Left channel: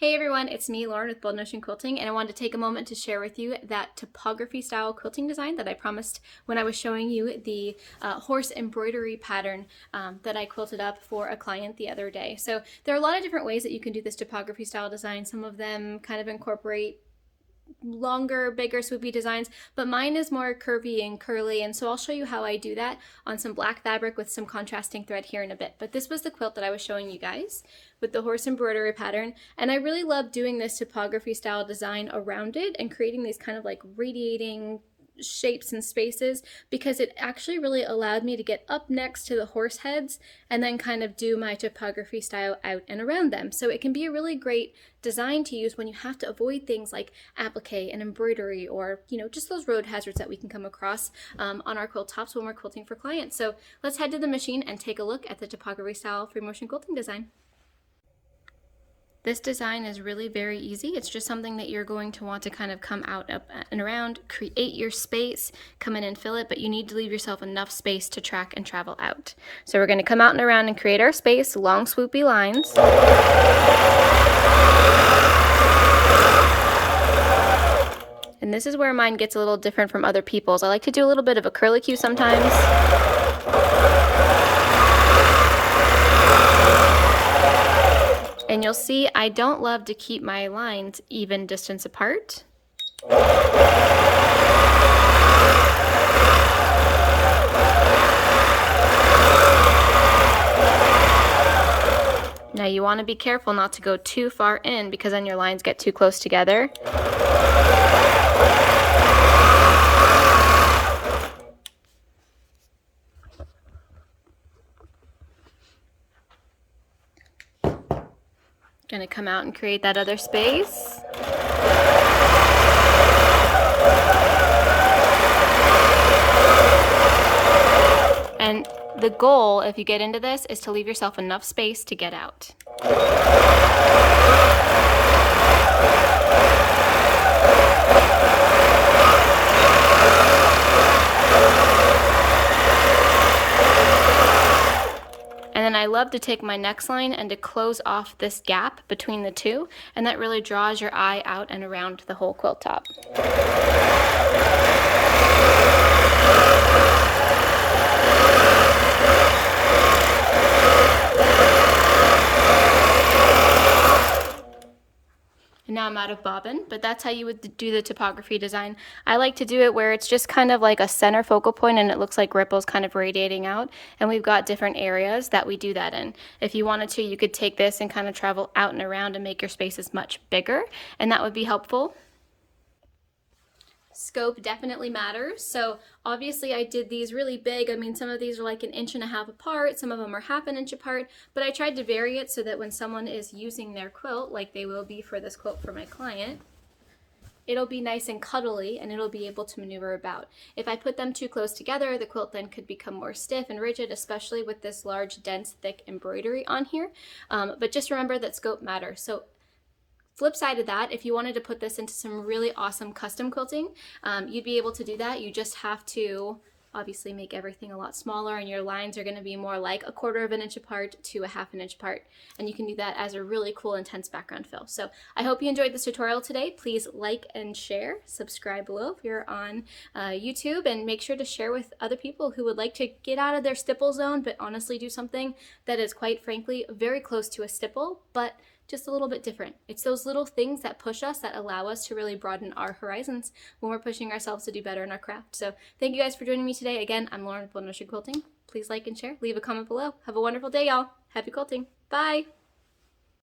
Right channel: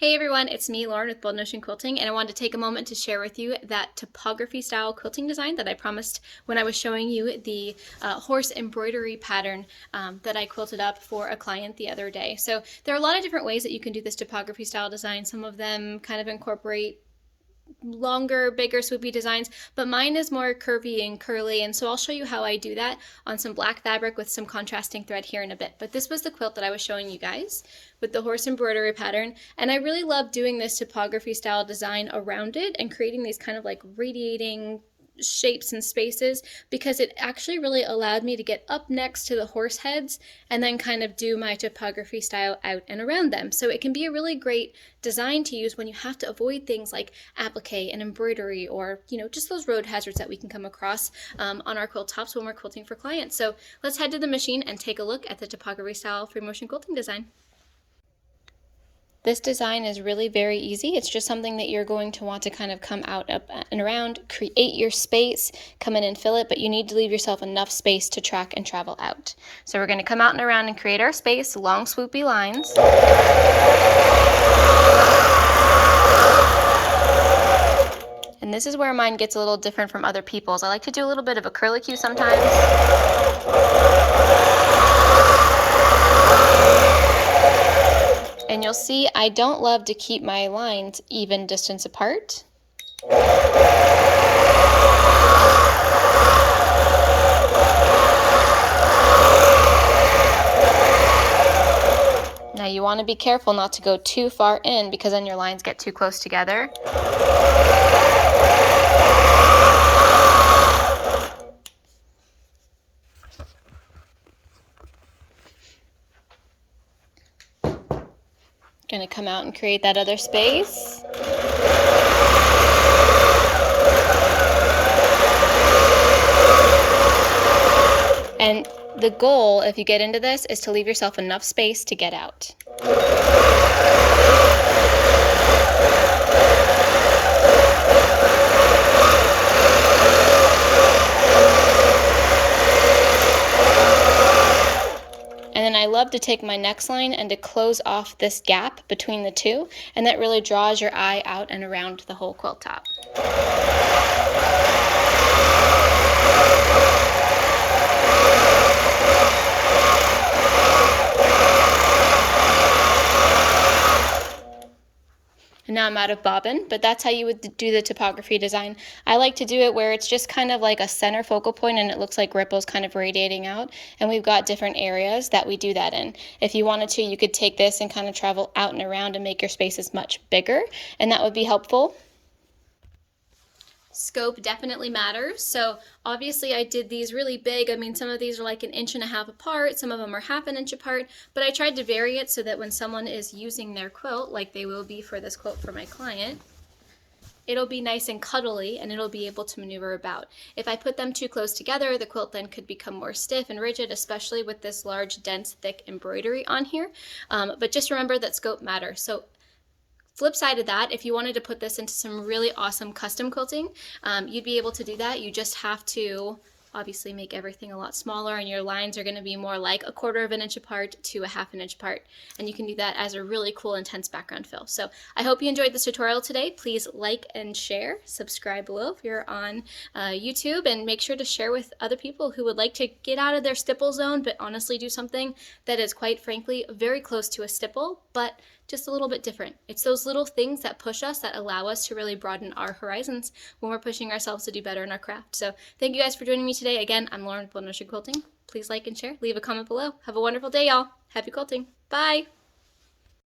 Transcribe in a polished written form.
Hey everyone, it's me, Lauren with Bold Notion Quilting, and I wanted to take a moment to share with you that topography style quilting design that I promised when I was showing you the horse embroidery pattern that I quilted up for a client the other day. So there are a lot of different ways that you can do this topography style design. Some of them kind of incorporate longer, bigger, swoopy designs, but mine is more curvy and curly, and so I'll show you how I do that on some black fabric with some contrasting thread here in a bit. But this was the quilt that I was showing you guys with the horse embroidery pattern, and I really love doing this topography style design around it and creating these kind of like radiating shapes and spaces, because it actually really allowed me to get up next to the horse heads and then kind of do my topography style out and around them. So it can be a really great design to use when you have to avoid things like applique and embroidery, or just those road hazards that we can come across on our quilt tops when we're quilting for clients. So let's head to the machine and take a look at the topography style free motion quilting design. This design is really very easy. It's just something that you're going to want to kind of come out, up, and around, create your space, come in and fill it, but you need to leave yourself enough space to track and travel out. So we're going to come out and around and create our space, long swoopy lines. And this is where mine gets a little different from other people's. I like to do a little bit of a curlicue sometimes. And you'll see I don't love to keep my lines even distance apart. Now you want to be careful not to go too far in, because then your lines get too close together. Gonna come out and create that other space. And the goal, if you get into this, is to leave yourself enough space to get out. And then I love to take my next line and to close off this gap between the two, and that really draws your eye out and around the whole quilt top. And now I'm out of bobbin, but that's how you would do the topography design. I like to do it where it's just kind of like a center focal point and it looks like ripples kind of radiating out, and we've got different areas that we do that in. If you wanted to, you could take this and kind of travel out and around and make your spaces much bigger, and that would be helpful. Scope definitely matters. So obviously I did these really big. I mean, some of these are like 1.5 inches apart, some of them are 1/2 inch apart, but I tried to vary it so that when someone is using their quilt, like they will be for this quilt for my client, it'll be nice and cuddly and it'll be able to maneuver about. If I put them too close together, the quilt then could become more stiff and rigid, especially with this large, dense, thick embroidery on here. But just remember that scope matters. So flip side of that, if you wanted to put this into some really awesome custom quilting, you'd be able to do that. You just have to obviously make everything a lot smaller, and your lines are going to be more like 1/4 inch apart to 1/2 inch apart, and you can do that as a really cool, intense background fill. So I hope you enjoyed this tutorial today. Please like and share, subscribe below if you're on YouTube, and make sure to share with other people who would like to get out of their stipple zone but honestly do something that is quite frankly very close to a stipple, but just a little bit different. It's those little things that push us, that allow us to really broaden our horizons when we're pushing ourselves to do better in our craft. So thank you guys for joining me today. Again, I'm Lauren with Bold Notion Quilting. Please like and share, leave a comment below. Have a wonderful day, y'all. Happy quilting. Bye.